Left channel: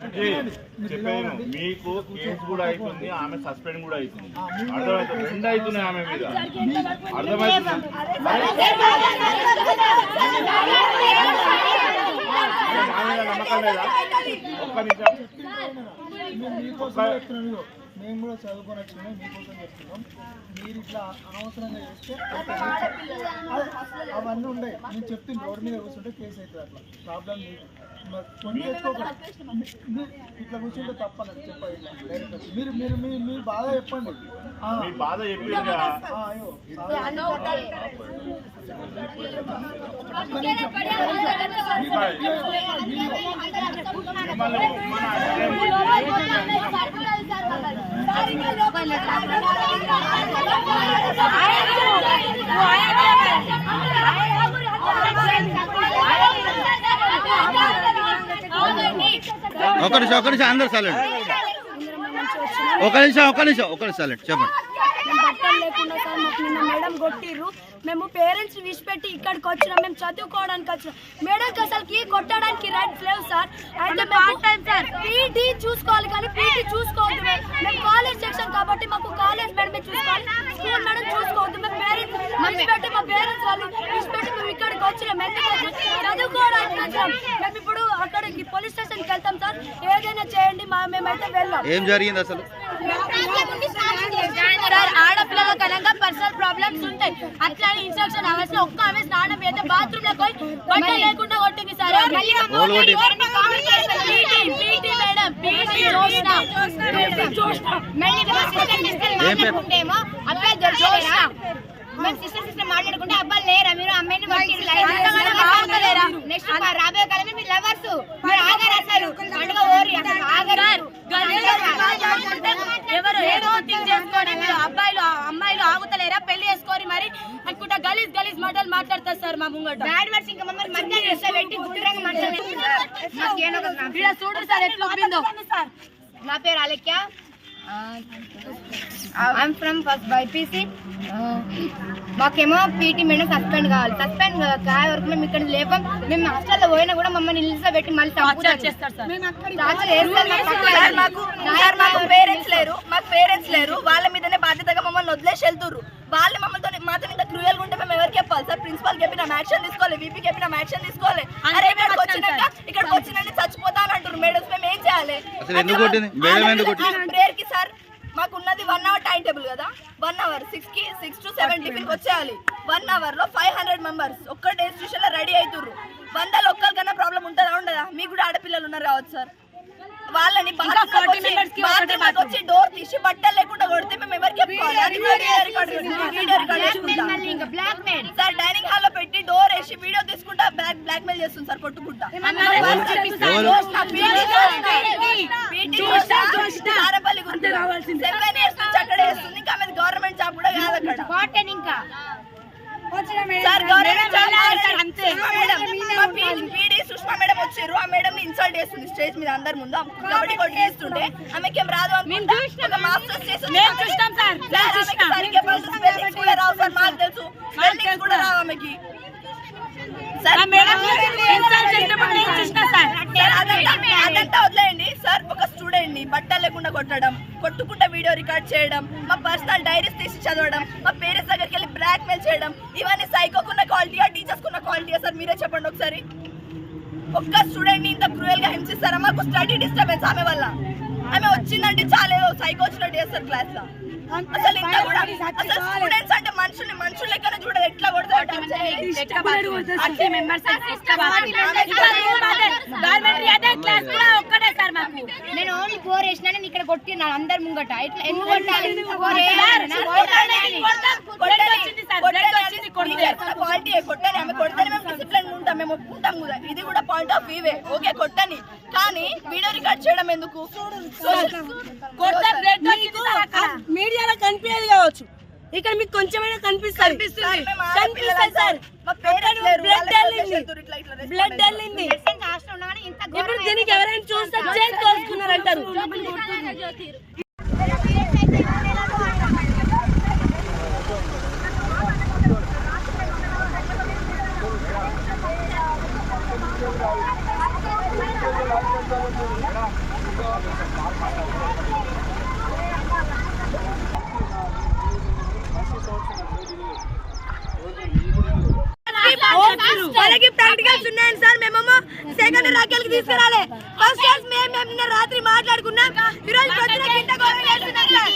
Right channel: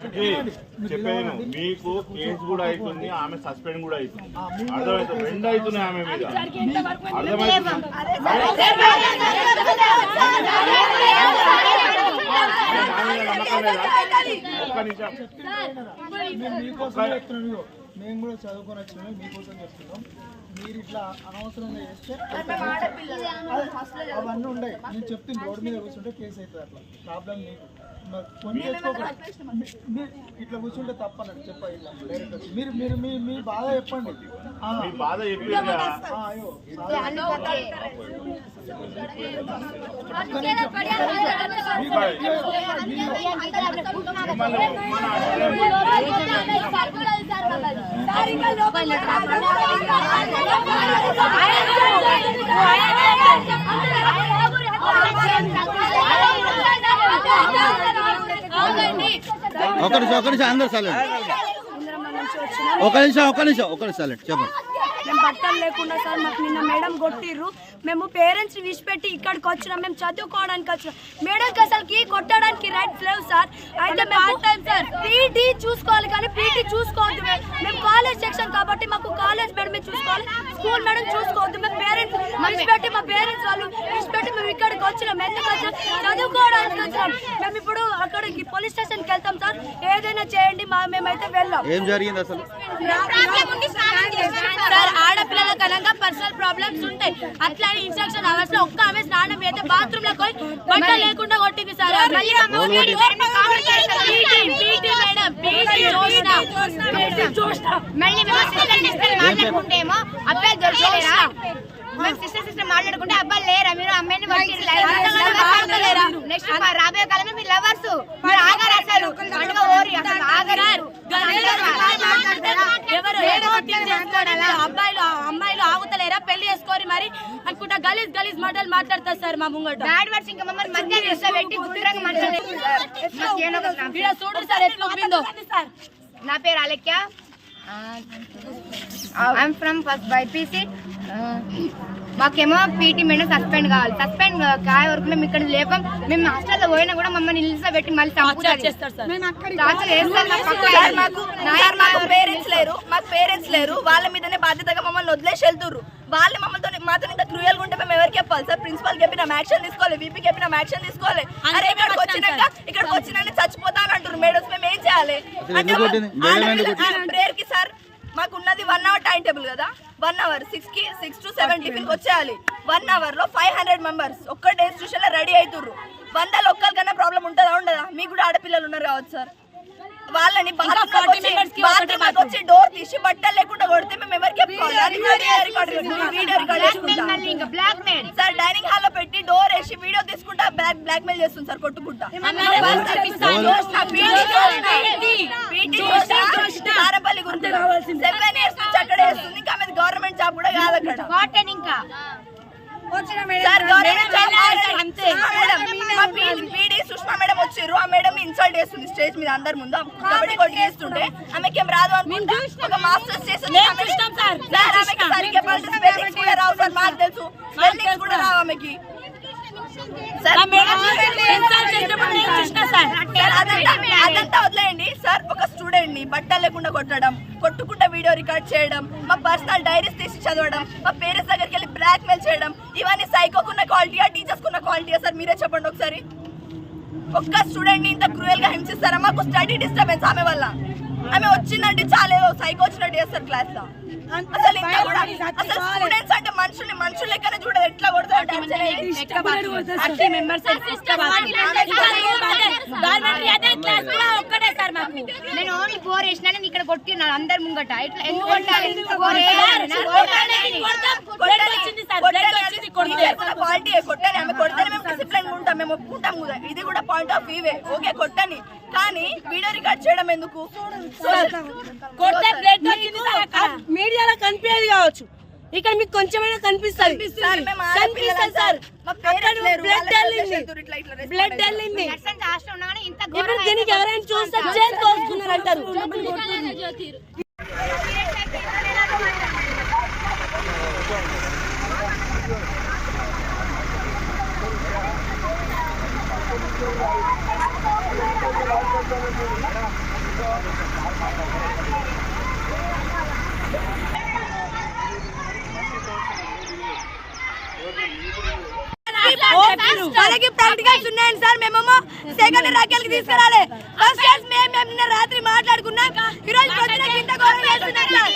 చెప్పాను మీకు కేసు కూడా అవుతుంది ఆమె సస్పెండ్ కూడా అవుతుంది. అర్థమవుతుంది రెండు అవుతున్నాయి ఆమె మీద. అర్థమవుతుంది మేము కూడా చదువుకున్నట్టున్నాం మీకోసం చెప్తున్నాం మీరు ఇట్లా అనవసరంగా చేస్తే అవి- అవన్నీ ఉన్నాయి నేను చెప్తుంది రోడ్డు మీద కూర్చుంటే కేసు అవుతుంది అట్లా ప్రాబ్లం మీకు ఇట్లా కూర్చుంటే తప్పనని చెప్పండి. మీరు మీరు మీ మీ బాధ చెప్పండి. బాధ చెప్పింది కదా ఆ, అయ్యో ఒక నిమిషం ఒక నిమిషం అందరు సైలెంట్ ఒక నిమిషం ఒక నిమిషం ఒక నిమిషం సైలెంట్ చెప్పండి. బట్టలు లేకుండా సార్ మాకు నిన్న మేడం కొట్టిర్రు. మేము పేరెంట్స్ విడిచిపెట్టి ఇక్కడికి వచ్చినాం. మేము చదువుకోవడానికి వచ్చినాం. మేడంకి అసలుకి కొట్టడానికి రైట్స్ లేవు సార్. అయితే మేము సార్. పీటీ చూసుకోవాలి కానీ పీటీ చూసుకోవద్దు మేము మేము కాలేజ్ సెక్షన్ కాబట్టి మాకు కాలేజ్ మేడమే చూసుకోవాలి. స్కూల్ మేడం చూసుకోవద్దు. మేము పేరెంట్స్ విడిచిపెట్టి మా పేరెంట్స్ వాళ్ళు విడిచిపెట్టి మేము ఇక్కడికి వచ్చినాం. ఎందుకు వచ్చినాం? చదువుకోవడానికి వచ్చినాం. మేము ఇప్పుడు అక్కడికి పోలీస్ స్టేషన్కి వెళ్తాం సార్. ఏదైనా చేయండి మా మేమైతే వెళ్ళాం. ఏం జరిగింది అసలు? సార్ ఆడపిల్లల కనుక పర్సనల్ ప్రాబ్లమ్స్ ఉంటాయి. అట్లా ఇన్స్ట్రక్షన్ అవర్స్లో ఒక్క ఆమె స్నానం అయితే బాత్రూమ్లో పోయి బట్ట లేకుండా కొట్టింది సార్ దొరకలేరా? సిస్టర్ సిస్టర్ మాట్లాడుకుంటే అబ్బాయిలు లేరా? మీరు అమ్మాయిని నెక్స్ట్ రాబోయే కాలమే మీరు లవర్స్ మీరు ఆగారు అసలు? పండుగ ఓరి అసలు ఆగరు. అబ్బాయిలు అమ్మాయిలు ఆగుతలేరా పెళ్ళి చేసుకోరి మరి అనుకుంటా గలీజ్ గలీజ్ మాటలు మాట్లాడతారు సార్ మా ముంగట బ్యాడ్ వర్డ్స్ ఇంకా మమ్మల్ని మధ్య పెట్టి గుండ్రంగా మాట్లాడారు ఇలా చూడు సార్ ఎట్లా నా పేరు Alekhya I'm from first BiPC మాకేమో పీటీ మేడం సస్పెండ్ కావాలి. సస్పెండ్ కాయ వరకు మేము ఇక్కడ లేపాం. మేము హాస్టల్లో పోయినా కూడా మమ్మల్ని నిలిచబెట్టి మళ్ళీ చంపుతారు. చేస్తారు సార్. టార్చర్ చేస్తారు మా పక్కన. మాకు మాకు పేరెంట్స్ లేరు. మాకు పేరెంట్స్ లేరు. వాళ్ళ మీదనే బాధ్యతగా మమ్మల్ని వదిలేసి వెళ్తుర్రు. వాళ్ళు మమ్మల్ని మాతో ఇంత క్రూయల్గా ఉంటే మేము ఎవరికి చెప్పాలి సార్? ప్రిన్సిపల్ చెప్పిన యాక్షన్ తీసుకోవాలి. వీపీ చెప్పిన యాక్షన్ తీసుకోవాలి. అరే ఇక్కడికి వచ్చినాక ఇక్కడికి వచ్చినాక చచ్చిపోతా అని అంటారు మేడమ్స్ మేము ఏం చేయాలి? మేడం? ప్రేయర్కి సార్. మాకు ఉన్నది వన్ అవర్ టైం టేబుల్ కదా. వన్ అవర్ సిక్స్కి సిక్స్ టు సెవెన్ టిఫిన్కి వచ్చేయాలి. వన్ అవర్లో ఫైవ్ హండ్రెడ్ మెంబర్స్ ఒక్క ఇన్స్టిట్యూషన్లో రెడీ అవుతుర్రు వందల ఒక్కరికన్నా ప్రాబ్లం ఉంటుందా ఉండదా? మీకు కూడా ఆడపిల్లలు ఉన్నారు కావచ్చు సార్ వాళ్ళని వచ్చి డోర్ తీసి బట్టలు లేకుండా కొడితే మేము ఎవరికి చెప్పుకోవాలి? వీడియో రికార్డ్ చేసుకుంటా. సార్ డైనింగ్ హాల్లో పెట్టి డోర్ వేసి బ్లాక్ బ్లాక్ మెయిల్ చేస్తుంది సార్ కొట్టుకుంటా. పీటీ సారపల్లి గుర్తు సెవెన్ ఇయర్స్ నుంచి అక్కడ వేస్తుంది ఇంకా గవర్నమెంట్ జాబ్ కూడా కాదు అక్కడ. ఇంకా sir government job Sushma madam మా పీడీ సుష్మా మేడం వచ్చారు. ఆ మేడం ని ఇన్సల్ట్ చేస్తుంది స్టేజ్ మీద అందరి ముందు. కబడ్డీ కొట్టి చేస్తుంటే ఆమెకి ఏం రాదు అనుకుంటా. ఒక మాస్టర్స్ చేసి వచ్చి ఆమె- సార్. ఆమెకి సరిగ్గా పలికి స్పెల్లింగ్స్ కూడా రావు సార్. మాకు తెలుసు. స్పెల్లింగ్స్ కూడా రావు ఆమెకి. అదంతా వదిలేయండి. సార్ ఒక స్టూడెంట్ని బట్టలు లేకుండా కొట్టడం కొట్టుకుంటా వీడియో రికార్డ్ చేయడం మా పర్సనల్ డైరీస్ తీసి చదవడం మా పేరెంట్స్ దగ్గరికి వెళ్ళి బ్లాక్ మెయిల్ చేయడం ఇవన్నీ సైకోకున్న క్వాలిటీయా టీచర్స్ కున్న క్వాలిటీయా సార్ మీరే చెప్పండి ఒకసారి. ఒక్క స్టూడెంట్ని ఇంత క్రూయల్గా హింసిస్తారా? మాకు స్టడీ డిస్టర్బెన్స్ ఆమె వల్ల. ఆమె వచ్చిందంటే చాలా సైకో వచ్చినట్టు చేస్తారు క్లాస్లో. అసలు ఇంత కూడా అసలు స్టూడెంట్స్ అంటే మనుషుల్ని మనుషులు లెక్కన చూడదు ఎట్లా కొడతారు చేసి. నేను ఓన్లీ ఫోర్ వేసిన నేను ఇక్కడ కొట్టినా అందరి ముంగట. ఇట్లా. క్వాలిటీ కొట్టని ఆమె కొడితేనే మేము డిసిప్లిన్ ఉంటాం మేము ఒప్పుకుంటాం కూడా. ఇది కూడా పాయింట్ ఆఫ్ వ్యూవే ఓకే కొట్టని కానీ వీడియో రికార్డ్ చేయడం ఎందుకు? మీడియాలో కనిపించేది కావచ్చు. ఇక్కడ మీకు కొంచెమైనా కనిపిస్తుంది. కనిపిస్తుంది సార్. అక్కడ బ్లడ్ వెళ్ళింది. బ్లడ్ వెళ్ళింది. ఇప్పుడు దీనికి ఎవరైనా చూస్తే చేతి కోసుకున్నారు అంటారు మేడం మనకి ప్రాక్టికల్స్ ఉన్నాయండి సార్ మేమేమో సెకండ్ రాకెల్కి తీసుకురాలే ఫస్ట్ క్లాస్ మేము మేము నిన్న రాత్రి మాట్లాడుకున్నాం ఈ రోజు పొద్దున గింట గొడవ చేస్తున్నాం సార్.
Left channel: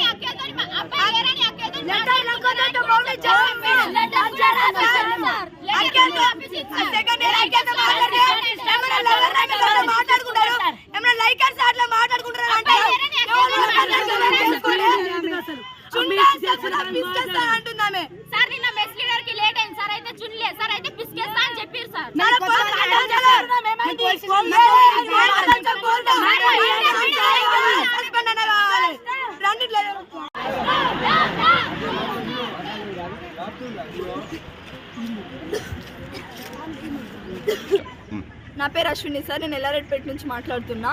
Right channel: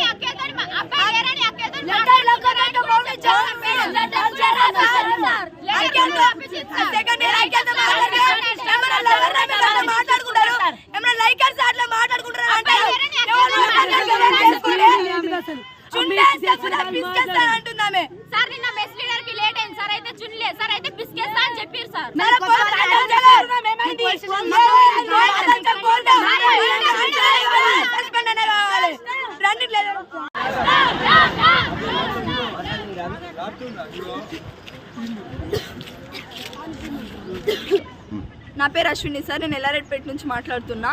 లెటర్ నా పేరు అశ్విని సార్. నేను ఎల్లారెడ్డిపేట నుంచి మాట్లాడుతున్నా.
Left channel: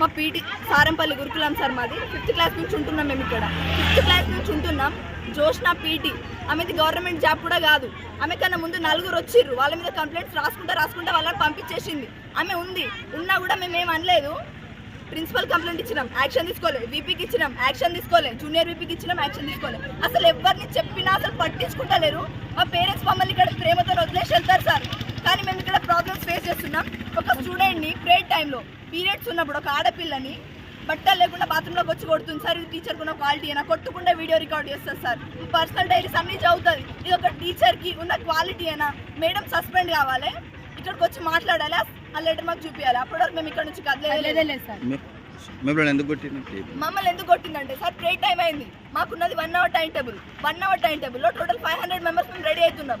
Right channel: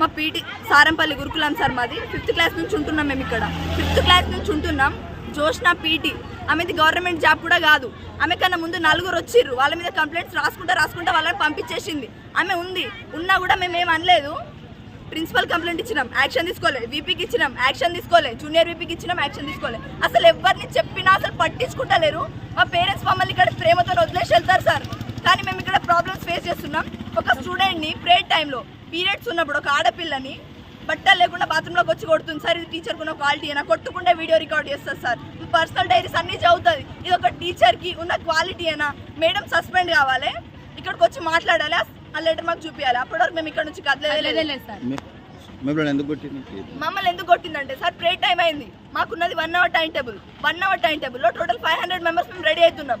మా పీటీ సారంపల్లి గురుకులం సార్ మాది. ఫిఫ్త్ క్లాస్ నుంచి ఉంటున్నాం మేము ఇక్కడ. ఫిఫ్త్ క్లాస్ నుంచి ఉంటున్నాం. జోష్న పీటీ. ఆమెది గవర్నమెంట్ జాబ్ కూడా కాదు. ఆమె కన్నా ముందు నలుగురు వచ్చిర్రు. వాళ్ళ మీద కంప్లైంట్స్ రాసుకుంటా రాసుకుంటా వాళ్ళని పంపించేసింది. ఆమె ఉంది. ఉన్నా కూడా మేము ఏం అనలేదు. ప్రిన్సిపల్ కంప్లైంట్ ఇచ్చినాం. యాక్షన్ తీసుకోలే. వీపీకి ఇచ్చినాం. యాక్షన్ తీసుకోలే. జూనియర్ వీపీకి ఇచ్చినాం. యాక్షన్ తీసుకోలే. అసలు ఎవరిని చెప్పినా అసలు పట్టించుకుంటలేరు. మా పేరెంట్స్ మమ్మల్ని ఇక్కడ ప్రేమతో వదిలేసి వెళ్తారు సార్. కానీ మేము ఇక్కడ ప్రాబ్లమ్స్ ఫేస్ చేస్తున్నాం. ఒక స్టూడెంట్ని ప్రేయర్ టైంలో పీరియడ్స్ ఉన్నప్పుడు ఒక ఆడపిల్లని బట్టలు లేకుండా బాత్రూంలోకి వచ్చి కొడుతుంది సార్. ఇది టీచర్ ఉన్న క్వాలిటీ అయినా కొట్టుకుంటే వీడియో రికార్డ్ చేస్తారు సార్. పర్సనల్ డైరీస్ అన్ని చదువుతుంది. ఇది ఒక టీచర్కి ఉన్న క్వాలిటీ అయినా మేడం సస్పెండ్ కావాలి. ఇక్కడికి వచ్చి మాట్లాడాలి? ఆ లెటర్ మాకు చూపించాలి అప్పటి వరకు మేము ఇక్కడ నుంచి కదలేదు మిమ్మల్ని ఎందుకు కొట్టింది? మమ్మల్ని ఎందుకు కొట్టిందంటే సార్ ప్రే టైం అయింది. మాకున్నది one hour time table one hour time టేబుల్లో టోటల్ ఫైవ్ హండ్రెడ్ మెంబర్స్ మేము రెడీ అవుతున్నాం.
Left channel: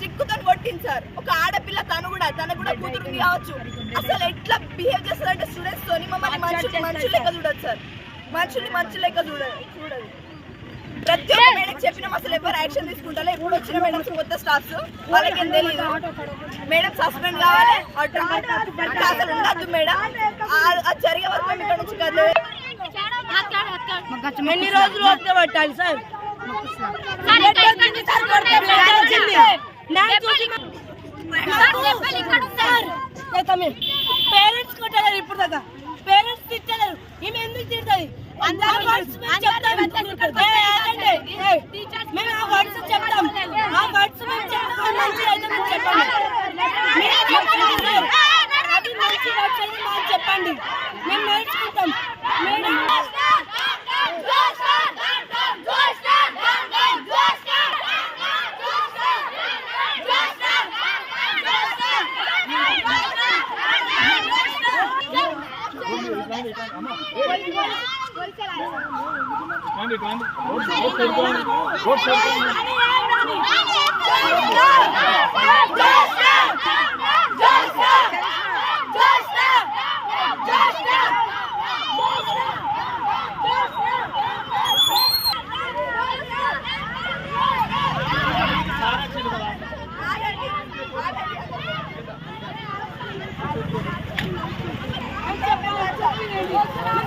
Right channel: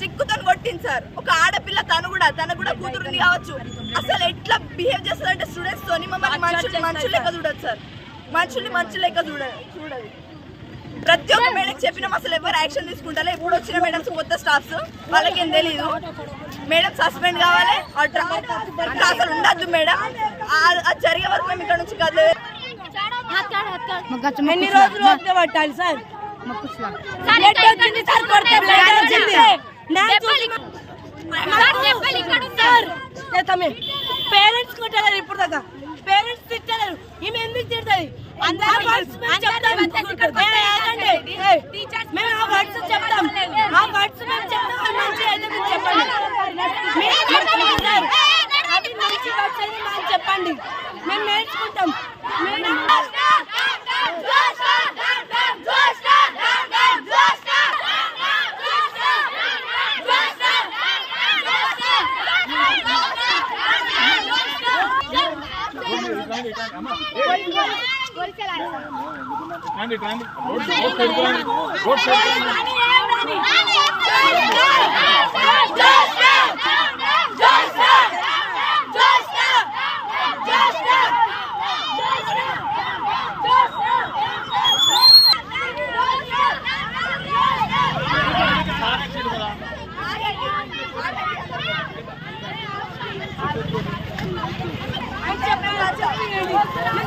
సిక్కుతో కొట్టింది సార్. ఒక ఆడపిల్ల తను కూడా తను కూడా కూతురుంది కావచ్చు. అసలు ఎట్లా బిహేవ్ చేస్తారంటే స్టూడెంట్స్ తోని మమ్మల్ని మనుషులు మనుషులు లెక్క చూడదు సార్. మనుషుల్ని మనుషులు లెక్క చూడదు చూడదు ప్రతి ఒక్క మేడం చెప్పినాం అసలు ఎవరు యాక్షన్ తీసుకుంటారో? ఎప్పుడు వచ్చిన మేడమ్స్ కొత్త స్టాఫ్స్ వాళ్ళకేం తెలియదు మేడం సస్పెండ్ కావాలి. అసలు ఉండద్దు మేడం. అది జరిగే వరకు మేము ఇక్కడ నుంచి కదలేదు ఎన్ని రోజులు వస్తే పట్టాలి సార్? చూసి పేరెంట్స్ కొట్టలేరు ఇప్పుడు దాకా పేరెంట్స్ తిట్టలేరు ఈమె ఎందుకు వర్డ్స్ మేము ఆ వర్డ్స్ చెప్తాం ఆ వర్డ్స్ మేము చెప్తాం మంచి అయితే మీరు చెప్పండి అవి మంచి వర్డ్స్ అయితే మాకు చెప్పండి మేము నేర్చుకుంటాం మేడం మాట్లాడాలి